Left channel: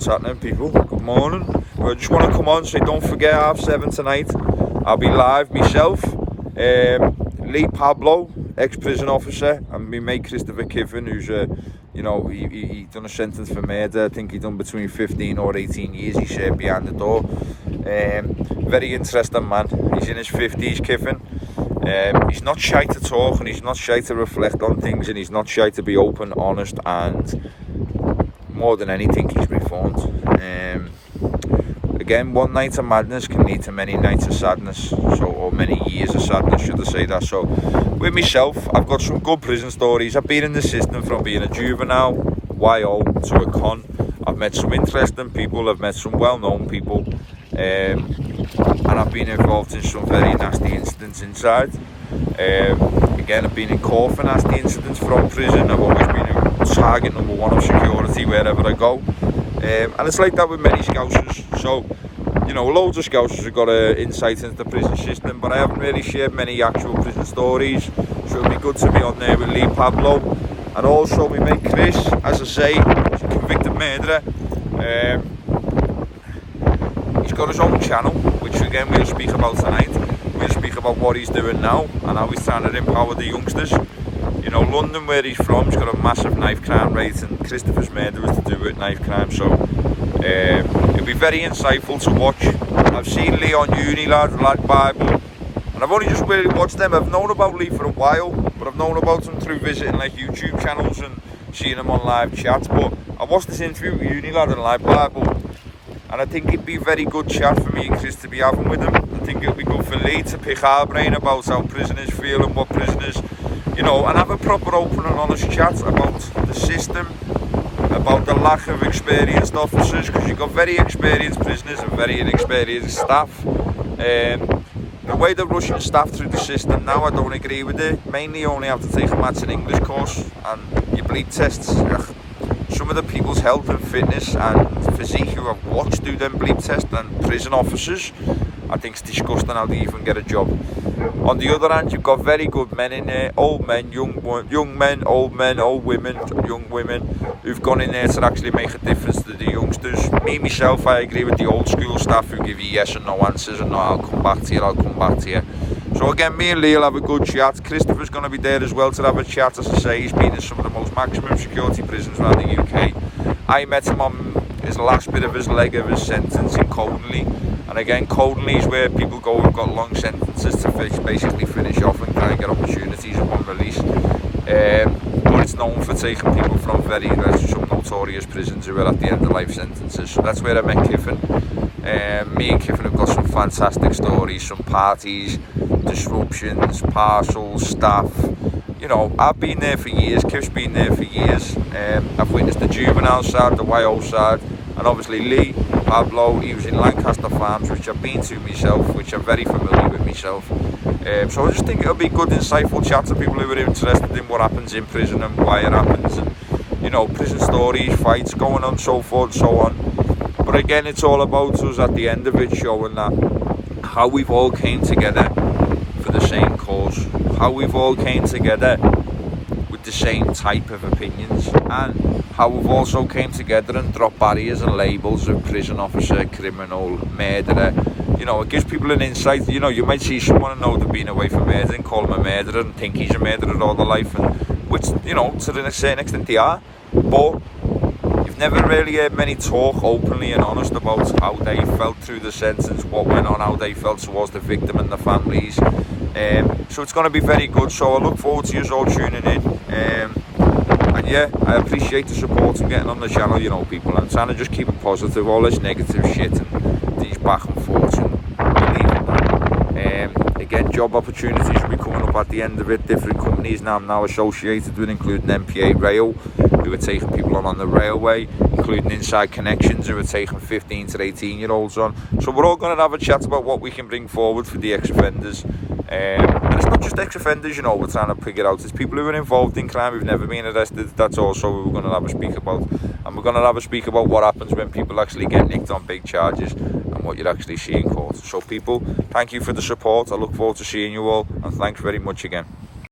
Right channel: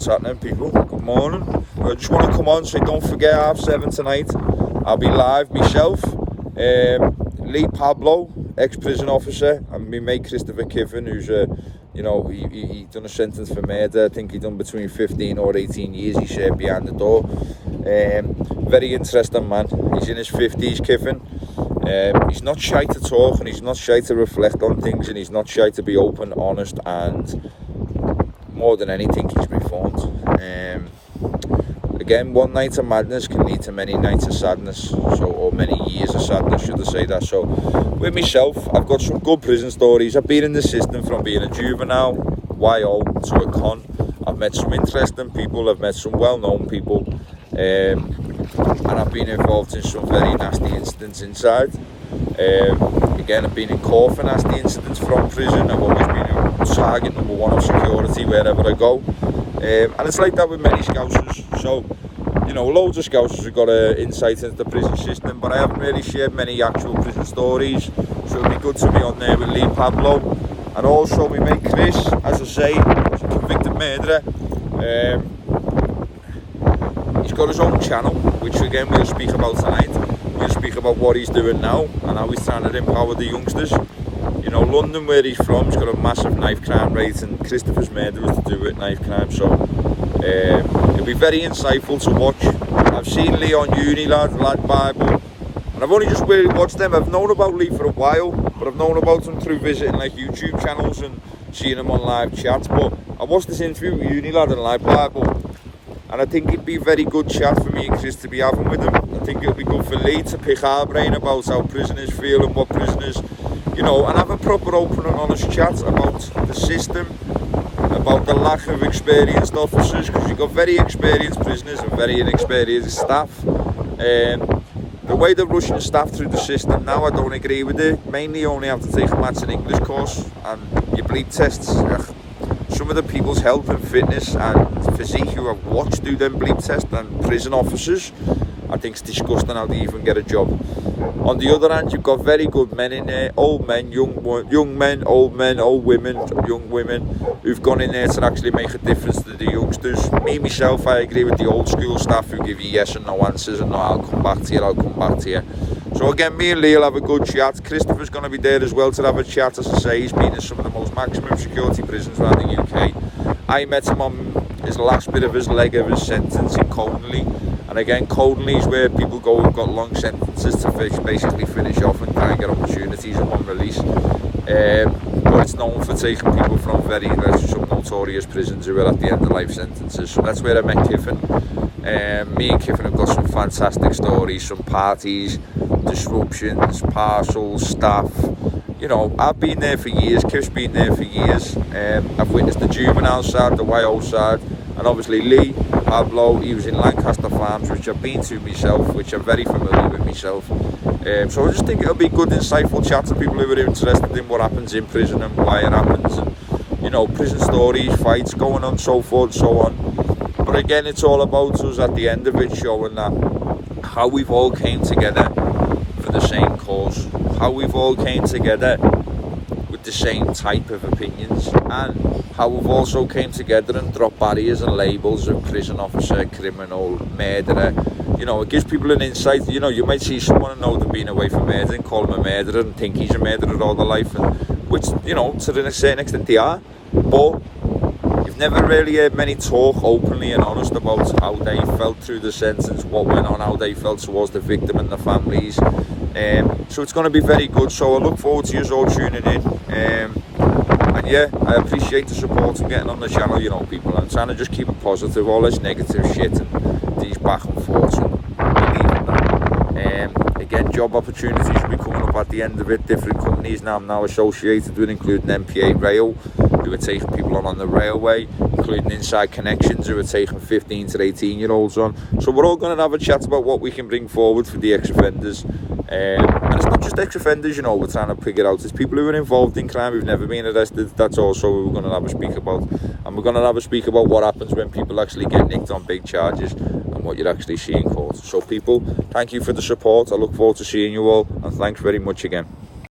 What's happening, people? Good morning. I just want to come on and say don't forget 7:30 tonight. I'll be live myself. Lee Pablo, ex-prison officer, and my mate Christopher Kiffin, who's he done a sentence for murder. I think he done between 15 or 18 years he served behind the door. Very interesting man. He's in his 50s, Kiffin. He's not shy to talk, and he's not shy to reflect on things, and he's not shy to be open, honest, and more than anything, he's reformed. Again, one night of madness can lead to many nights of sadness, or many years of sadness, should I say that. So, with myself, I've got some good prison stories. I've been in the system from being a juvenile, YO, to a con. I've met some interesting people, I've met some well-known people, and I've been involved in some very nasty incidents inside. Again, I've been in court for nasty incidents from prison. I've always been a target number one of security wherever I go. And it's like that with many Scousers. So, loads of Scousers have got insight into the prison system, but I haven't really shared many actual prison stories. So it'll be good to be on there with Lee Pablo. And also we mate Chris, as I say, convicted murderer. He's got his own channel, which again we'll speak about tonight. We'll speak about what he's doing now and how he's trying to empower the youngsters. London, where he's from, has got a massive knife crime rate, and Christopher's murder was to do with knife crime, so it'll be very insightful to watch. I've seen Lee on uni, Lad Bible, and I've only just really watched them. I've known about Lee for a while, but I've known about him through visiting like YouTube channels and seeing him on live chats. But I watched this interview with uni lad and Lad Bible, and I think it'd be a very good chat for me and Chris to be having with him. I think it'll be good for Lee to pick our brain about how prisoners feel and what prisoners, and have a proper open and honest chat about the system, about the lack of experienced officers, because you've got very experienced prisoners and very inexperienced staff. The way they're rushing staff through the system now, I don't agree with it. Mainly only have to take a maths and English course and your bleed tests. Some of the people's health and fitness and physique who I've watched do them bleed tests and prison officers, I think it's disgusting how they even get a job. On the other hand, you've got very good men in there, old men, young men, old women, young women, who've gone in there to actually make a difference to the youngsters. Me, myself, I agree with the old school staff who give you yes and no answers and no, I'll come back to you. So again, me and Lee will have a good chat. Christopher's going to be there as well to have a chat. As I say, he's been in some of the most maximum security prisons around the UK. I met him on his last bit of his leg of his sentence in Coldenley. And again, Coldenley is where people go who've got long sentences to basically finish off and try and get opportunities upon release. But it's known for taking people from some notorious prisons who are at the end of life sentences. So that's where I met Kiffin. Me and Kiffin have got some fantastic stories, some parties, disruptions, parcels, staff. I've been there for years, Kiff's been there for years. I've witnessed the juvenile side, the YO side, and obviously Lee Pablo, he was in Lancaster Farms, which I've been to myself, which I'm very familiar with myself. So I just think it'll be good, insightful chat to people who are interested in what happens in prison and why it happens. And, prison stories, fights going on, so forth, so on. But again, it's all about us at the end of it showing that how we've all came together for the same cause, how we've all came together with the same type of opinions, and how we've also came together and dropped barriers and labels of prison officer, criminal, murderer. It gives people an insight. You might see someone and know they've been away from murder and call him a murderer and think he's a murderer all their life, and which, to a certain extent they are, but you've never really heard many talk openly and honest about how they felt through the sentence, what went on, how they felt towards the victim and the families. So it's going to be very good. So I look forward to you all tuning in. And yeah, I appreciate the support and getting on the channel, people. I'm trying to just keep it positive, all this negative shit and these back and forths, and believe in that. Again, job opportunities will be coming up at the end of it. Different companies now I'm now associated with, including MPA Rail, who are taking people on the railway, including Inside Connections, who are taking 15 to 18 year olds on. So we're all going to have a chat about what we can bring forward for the ex-offenders. And it's not just ex-offenders, we're trying to figure out. It's people who are involved in crime who've never been arrested. That's also what we're going to have a speak about. And we're going to have a speak about what happens when people actually get nicked on big charges and what you're actually seeing in court. So people, thank you for the support. I look forward to seeing you all, and thanks very much again.